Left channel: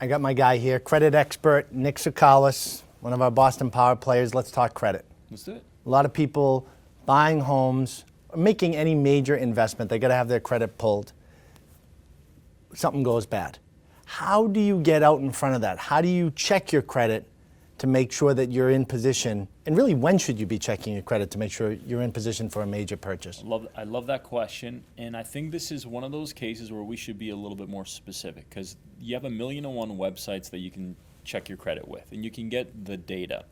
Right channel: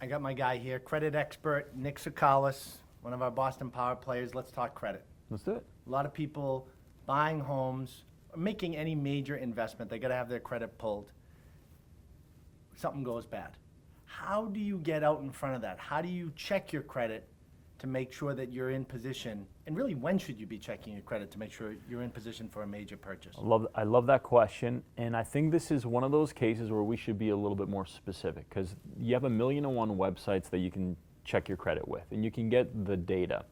I got my guy here, credit expert Nik Tsoukalis, one of our Boston Power players. Let's talk credit. That's it. A lot of people buying homes, making any major investment, they got to have their credit pulled. Something goes bad. How do you get out in front of that? How do you check your credit to make sure that you're in position? And really, when should you be checking your credit to make sure you're in position for a major purchase? I love that question, and I think this is one of those cases where we should be a little bit more specific, because you have 1,000,001 websites that you can check your credit with, and you can get the data.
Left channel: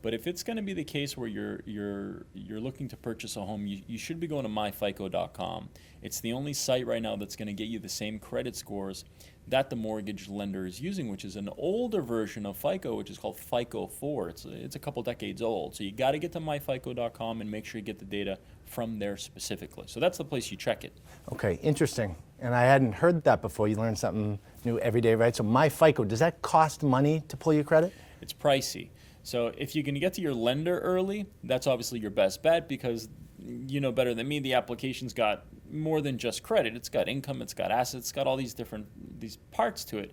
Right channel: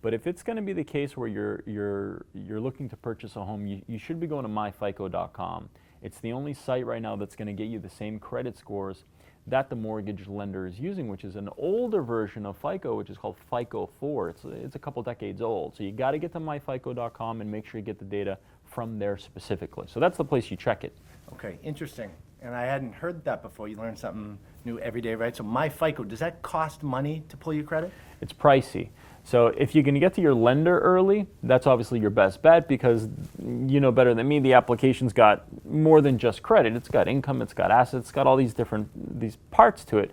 But if it's going to be the case where you're looking to purchase a home, you should be going to myfico.com. It's the only site right now that's going to get you the same credit scores that the mortgage lender is using, which is an older version of FICO, which is called FICO 4. It's a couple decades old. So you got to get to myfico.com and make sure you get the data from there specifically. So that's the place you check it. Okay, interesting. And I hadn't heard that before. You learn something new every day, right? So myFICO, does that cost money to pull your credit? It's pricey. So if you're going to get to your lender early, that's obviously your best bet, because you know better than me, the application's got more than just credit. It's got income, it's got assets, it's got all these parts to it.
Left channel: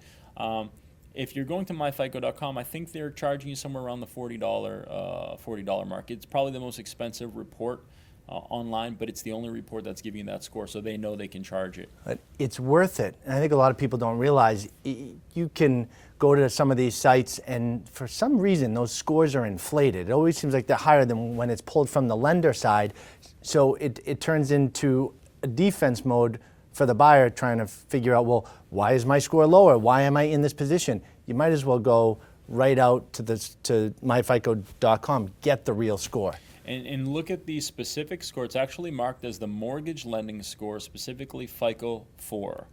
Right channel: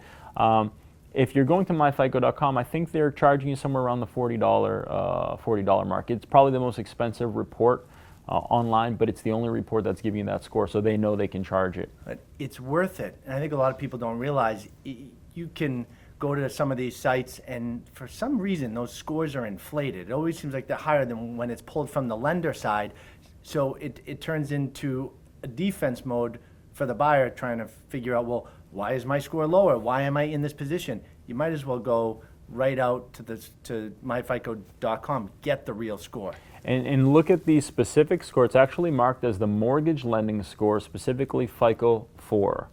If you're going to myfico.com, I think they're charging you somewhere around the $40 mark. It's probably the most expensive report online, but it's the only report that's giving you that score, so they know they can charge it. But it's worth it. And I think a lot of people don't realize you can go to some of these sites, and for some reason those scores are inflated. It always seems like they're higher than when it's pulled from the lender side. So it turns into a defense mode for the buyer, trying to figure out, well, why is my score lower? Why am I in this position? You might as well go right out to myfico.com, get the real score. And look at the specific score. It's actually marked as the mortgage lending score, specifically FICO 4.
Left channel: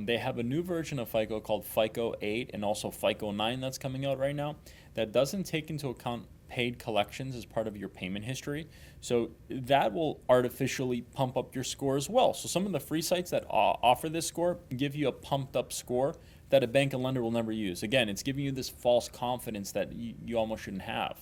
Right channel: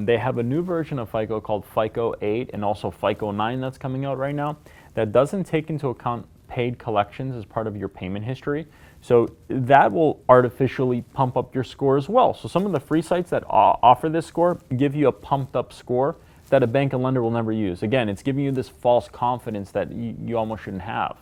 They have a new version of FICO called FICO 8 and also FICO 9 that's coming out right now that doesn't take into account paid collections as part of your payment history. So that will artificially pump up your score as well. So some of the free sites that offer this score give you a pumped up score that a bank and lender will never use. Again, it's giving you this false confidence that you almost shouldn't have.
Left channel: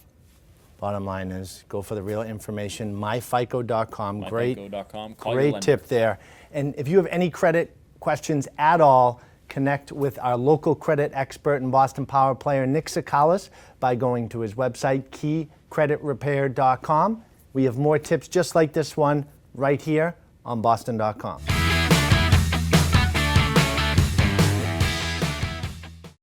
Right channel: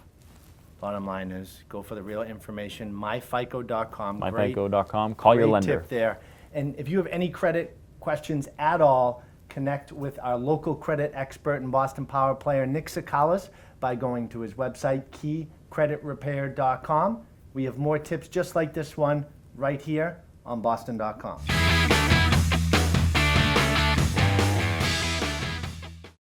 Bottom line is, go for the real information. myfico.com. myfico.com. Call your lender. Great tip there. And if you have any credit questions at all, connect with our local credit expert and Boston Power player, Nik Tsoukalis, by going to his website, keycreditrepair.com. We have more tips just like this one right here on boston.com.